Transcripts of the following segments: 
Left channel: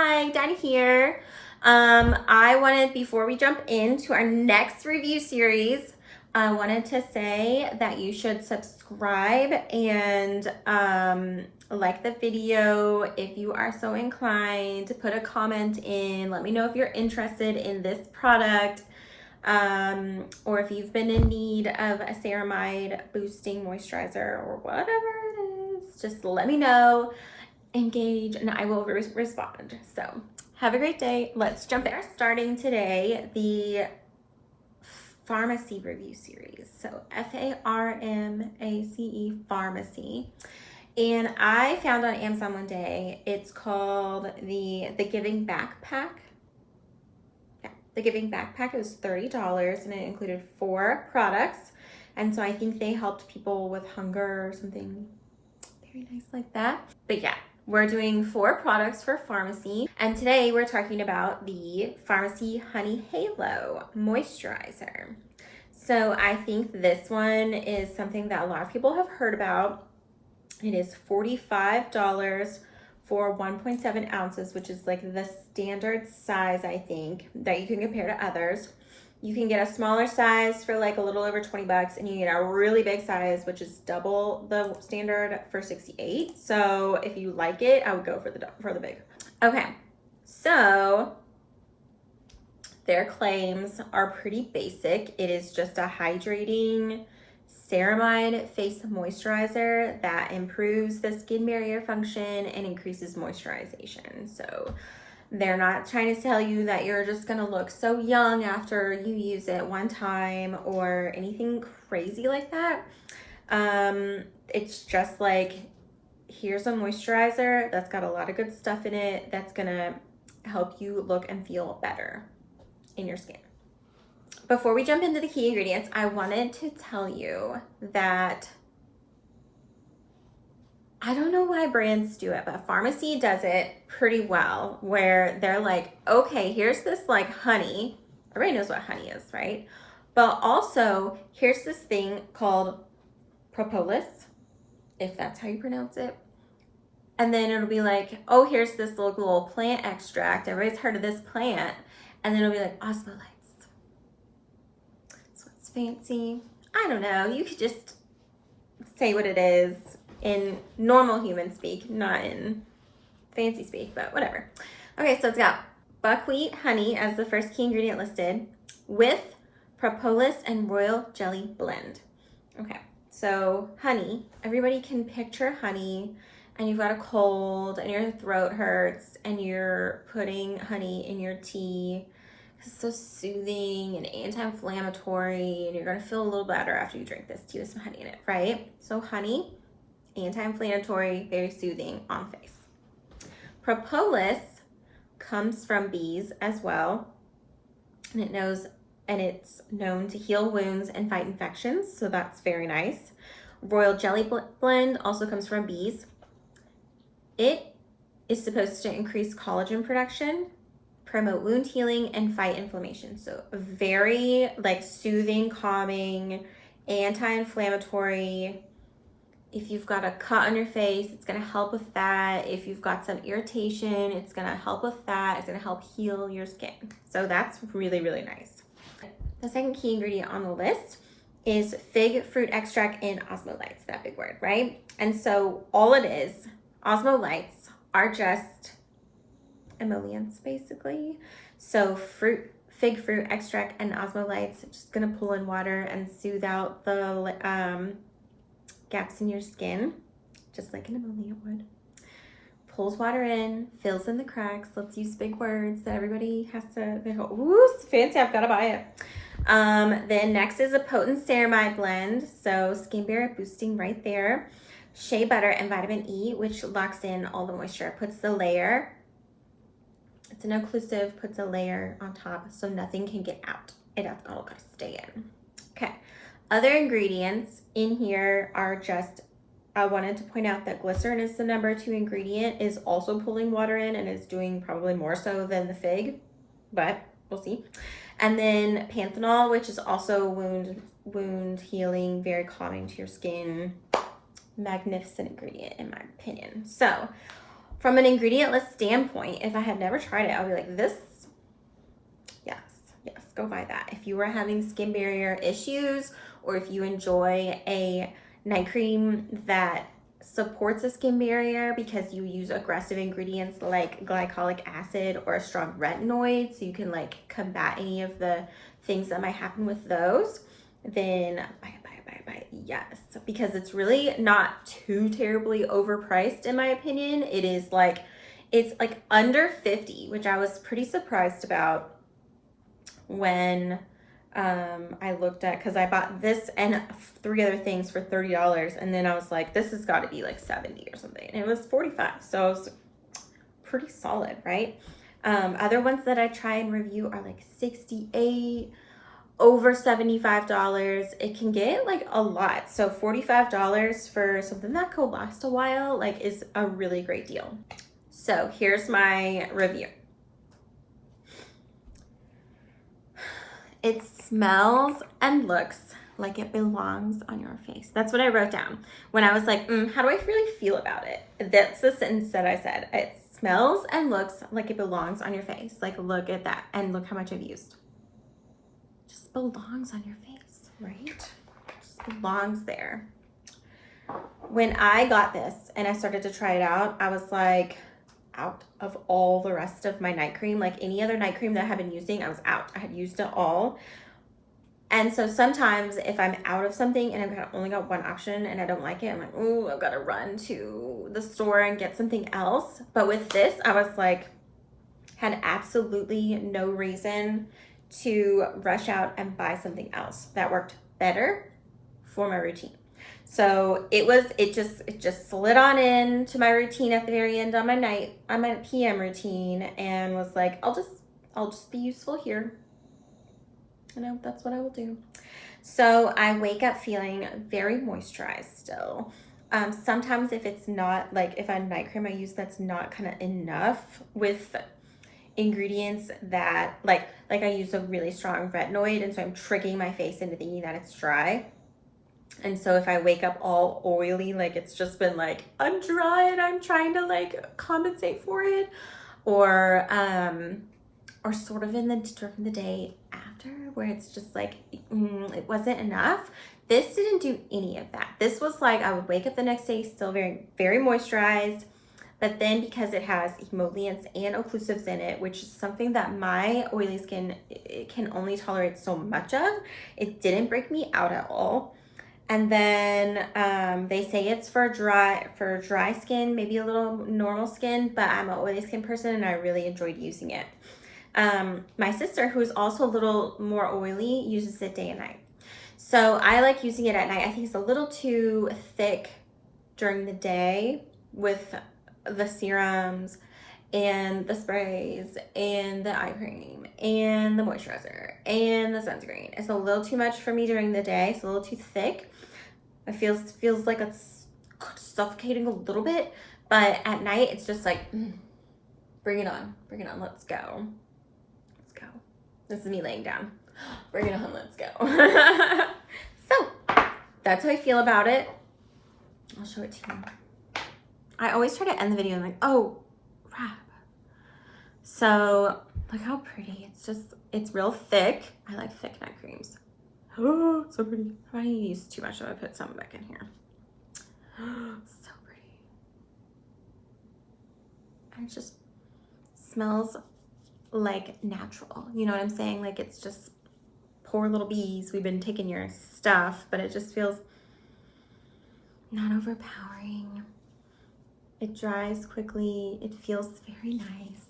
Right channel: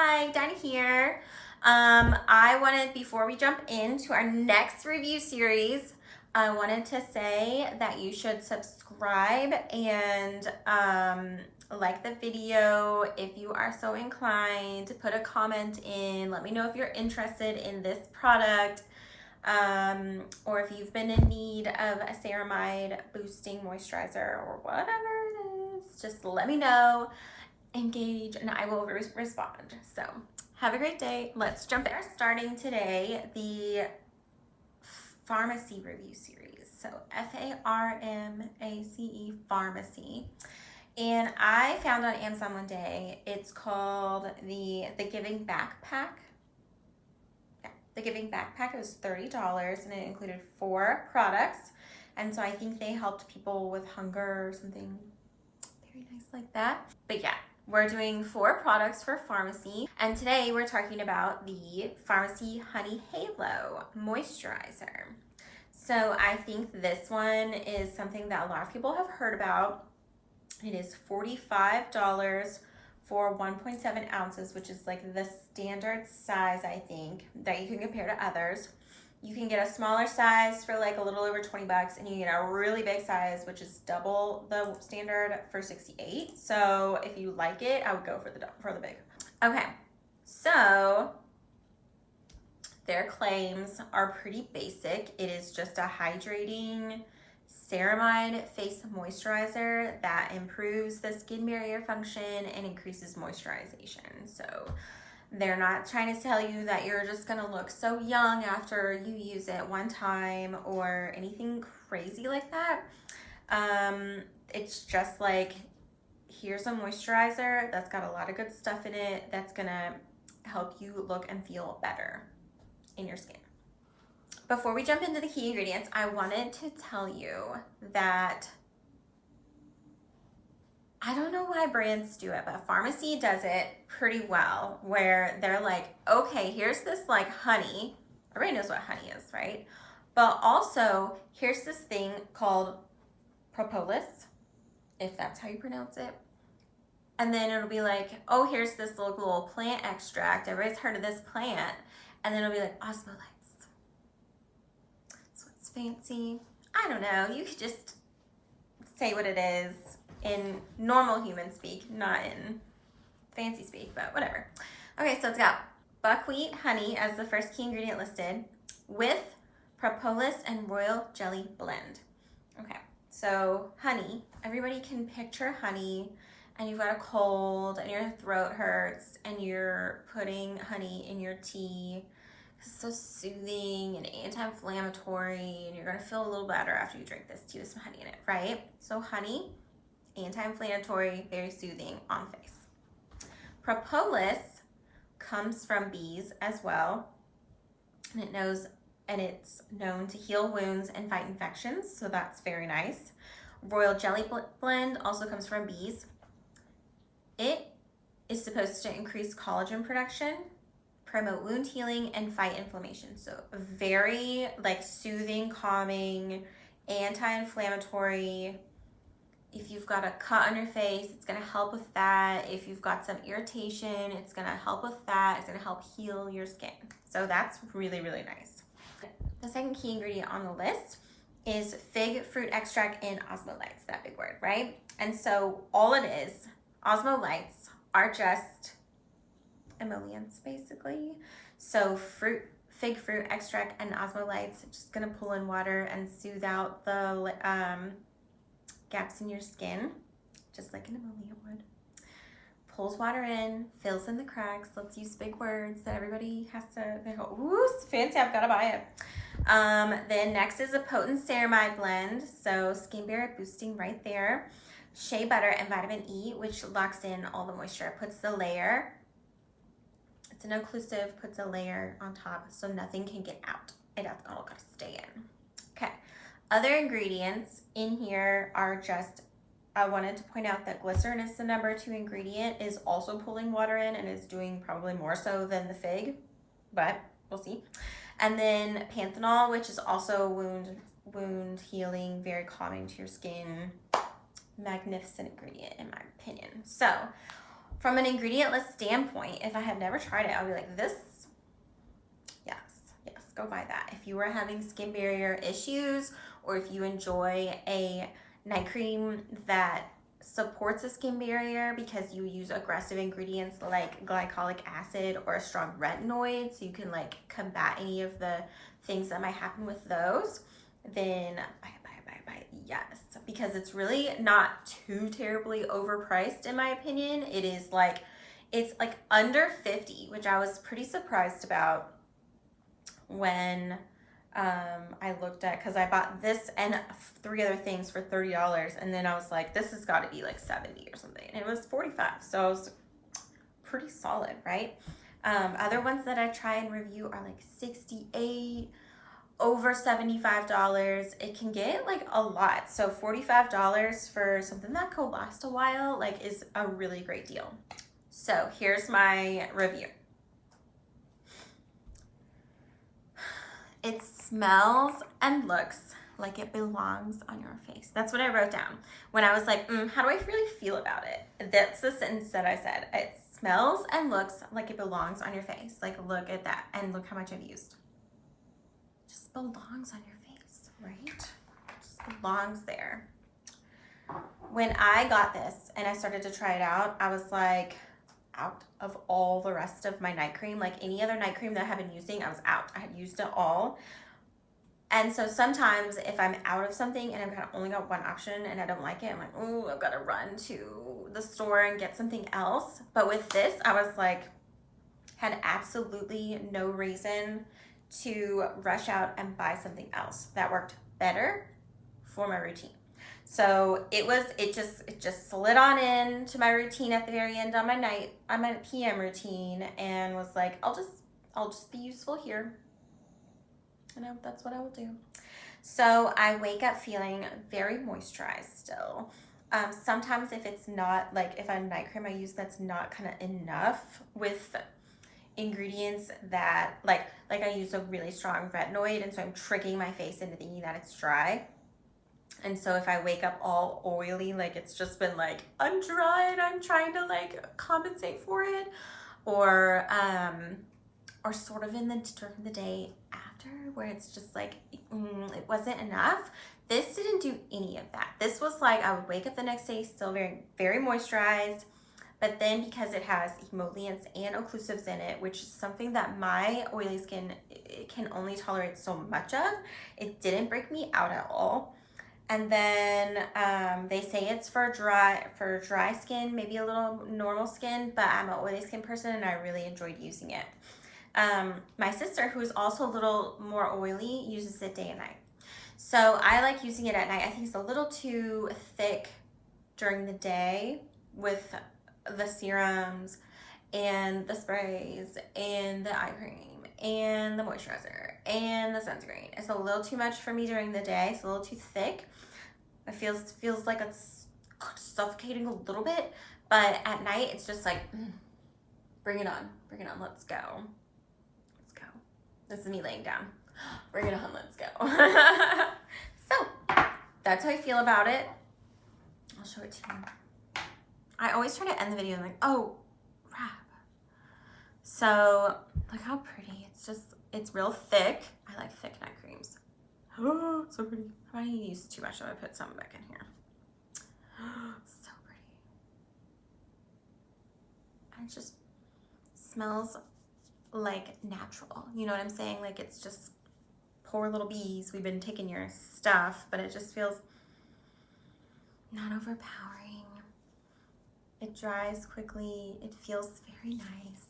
Hi, Dinah here. Before we jump into our next review series, I wanted to say that you should subscribe and like the video if you are so inclined. Put a comment in, let me know if you're interested in this product, or if you've been in need of a ceramide boosting moisturizer or whatever it is. Just let me know. Engage and I will respond. So have a great day. Let's jump in. We're starting today the pharmacy review series. So F-A-R-M-A-C-E, pharmacy. And I found on Amazon one day, it's called the Giving Backpack. Yeah, the Giving Backpack. It was $30 and it included 4 products. And so I think they helped people with hunger or something very nice like that. But yeah, we're doing 4 products for pharmacy. And today we're talking about the Farmacy Honey Halo Moisturizer. So I think this one is something that a lot of people have heard about. It is $45 for 1.7 ounces, which is like the standard size, I think, that you can compare to others. You can get a smaller size for like a little over 20 bucks, and you get a really big size, which is double the standard, for 68. So if you like it, I would go for the big. Okay, so their claims are pretty basic. It is just a hydrating ceramide face moisturizer that improves the skin barrier function and increases moisturization. So they're not trying to tell you that you're just gonna look so young after you use it one time or anything crazy like that. It's just like, here's a moisturizer that's got a lot of good stuff in it that's gonna help you look and feel better in your skin. Before we jump into the key ingredients, I wanted to tell you that I don't know why brands do it, but Farmacy does it pretty well, where they're like, okay, here's this like honey. Everybody knows what honey is, right? But also, here's this thing called propolis, if that's how you pronounce it. And then it'll be like, oh, here's this little plant extract. Everybody's heard of this plant. And then it'll be like osmolytes. So it's fancy. I don't know. You could just say what it is in normal human speak, not in fancy speak, but whatever. Okay, so it's got buckwheat honey as the first key ingredient listed with propolis and royal jelly blend. Okay, so honey, everybody can picture honey and you've got a cold and your throat hurts and you're putting honey in your tea. It's so soothing and anti-inflammatory, and you're gonna feel a little better after you drink this tea with some honey in it, right? So honey, anti-inflammatory, very soothing on face. Propolis comes from bees as well, and it's known to heal wounds and fight infections, so that's very nice. Royal jelly blend also comes from bees. It is supposed to increase collagen production, promote wound healing, and fight inflammation. So very like soothing, calming, anti-inflammatory. If you've got a cut on your face, it's gonna help with that. If you've got some irritation, it's gonna help with that. It's gonna help heal your skin. So that's really, really nice. The second key ingredient on the list is fig fruit extract and osmolytes, that big word, right? And so all it is, osmolytes are just emollients basically. So fig fruit extract and osmolytes, just gonna pull in water and soothe out the gaps in your skin, just like an emollient would. Pulls water in, fills in the cracks. Let's use big words that everybody has to, they go, ooh, it's fancy, I've gotta buy it. Then next is a potent ceramide blend. So skin barrier boosting right there. Shea butter and vitamin E, which locks in all the moisture, puts the layer. It's an occlusive, puts a layer on top so nothing can get out. It all gotta stay in. Okay, other ingredients in here are just, I wanted to point out that glycerin is the number 2 ingredient, is also pulling water in and is doing probably more so than the fig, but we'll see. And then panthenol, which is also wound healing, very calming to your skin. Magnificent ingredient in my opinion. So from an ingredient list standpoint, if I had never tried it, I'll be like, this, yes, go buy that. If you are having skin barrier issues, or if you enjoy a night cream that supports a skin barrier because you use aggressive ingredients like glycolic acid or a strong retinoid, so you can like combat any of the things that might happen with those, then buy it, yes, because it's really not too terribly overpriced in my opinion. It's like under 50, which I was pretty surprised about when I looked at, because I bought this and 3 other things for $30, and then I was like, this has got to be like 70 or something, and it was 45, so it was pretty solid, right? Other ones that I try and review are like 68, over $75. It can get like a lot, so $45 for something that could last a while like is a really great deal. So here's my review. It smells and looks like it belongs on your face. That's what I wrote down when I was like, how do I really feel about it? That's the sentence that I said. It smells and looks like it belongs on your face. Like, look at that, and look how much I've used. Just belongs on your face, right? Just belongs there. When I got this and I started to try it out, I was like, out of all the rest of my night cream, like any other night cream that I had been using, I was out. I had used it all. And so sometimes if I'm out of something and I've only got one option and I don't like it, I'm like, oh, I've got to run to the store and get something else. But with this, I was like, had absolutely no reason to rush out and buy something else that worked better for my routine. So it just slid on into my routine at the very end on my PM routine, and was like, I'll just be useful here. You know, that's what I will do. So I wake up feeling very moisturized still. Sometimes if it's not, like if a night cream I use that's not kind of enough with ingredients that like I use a really strong retinoid, and so I'm tricking my face into thinking that it's dry. And so if I wake up all oily, like it's just been like, I'm dry and I'm trying to like compensate for it, or sort of during the day after, where it's just like, it wasn't enough. This didn't do any of that. This was like, I would wake up the next day still very, very moisturized, but then because it has emollients and occlusives in it, which is something that my oily skin, it can only tolerate so much of, it didn't break me out at all. And then they say it's for dry skin, maybe a little normal skin, but I'm an oily skin person and I really enjoyed using it. My sister, who is also a little more oily, uses it day and night. So I like using it at night. I think it's a little too thick during the day with the serums and the sprays and the eye cream and the moisturizer and the sunscreen. It's a little too much for me during the day. It's a little too thick. It feels like it's suffocating a little bit, but at night it's just like, bring it on, let's go. This is me laying down. Bring it on, let's go. So that's how I feel about it. I'll show it to you. I always try to end the video and like, oh, crap. So look how pretty. It's real thick. I like thick night creams. Oh, so pretty. If I use too much, I'm gonna put some back in here. So pretty. And it just smells like natural. You know what I'm saying? Like it's just, poor little bees, we've been taking your stuff, but it just feels not overpowering. It dries quickly. It feels very nice.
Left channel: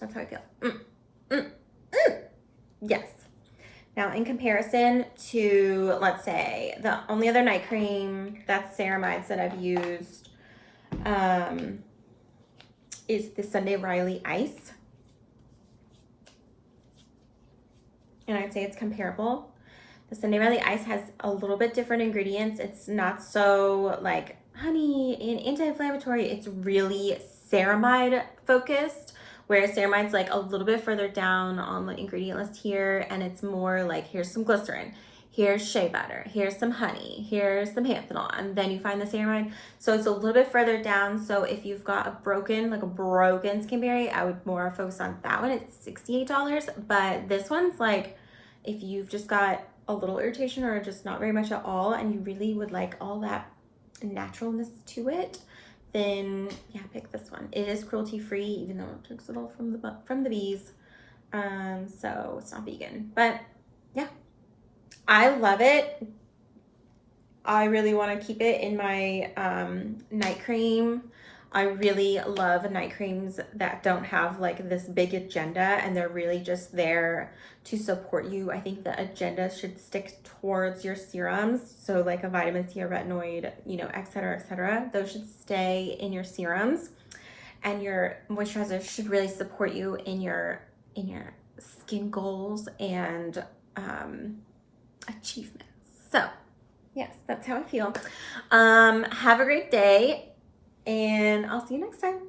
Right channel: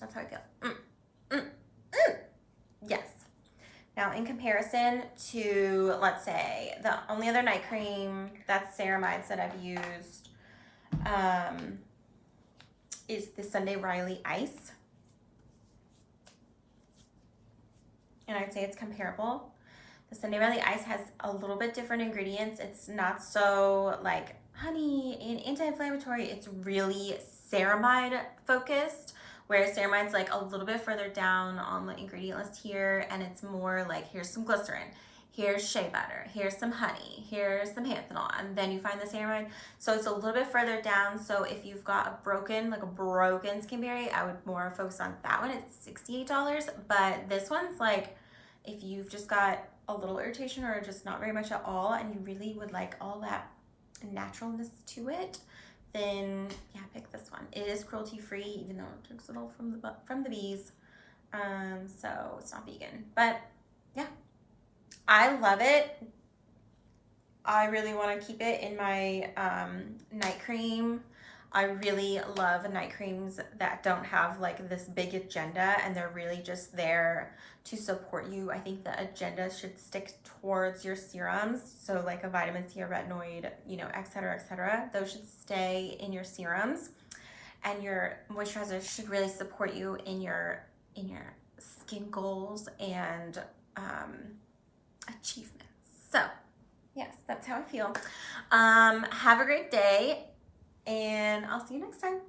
That's how I feel. Yes. Now, in comparison to, let's say, the only other night cream that's ceramides that I've used is the Sunday Riley Ice. And I'd say it's comparable. The Sunday Riley Ice has a little bit different ingredients. It's not so like honey and anti-inflammatory. It's really ceramide focused, whereas ceramide's like a little bit further down on the ingredient list here, and it's more like, here's some glycerin, here's shea butter, here's some honey, here's some panthenol, and then you find the ceramide. So it's a little bit further down. So if you've got a broken skin barrier, I would more focus on that one. It's $68, but this one's like, if you've just got a little irritation or just not very much at all, and you really would like all that naturalness to it, then yeah, pick this one. It is cruelty free, even though it takes it all from the bees. So it's not vegan, but yeah, I love it. I really want to keep it in my night cream. I really love night creams that don't have like this big agenda, and they're really just there to support you. I think the agenda should stick towards your serums. So like a vitamin C, a retinoid, you know, et cetera, those should stay in your serums, and your moisturizer should really support you in your skin goals and achievements. So yes, that's how I feel. Have a great day, and I'll see you next time.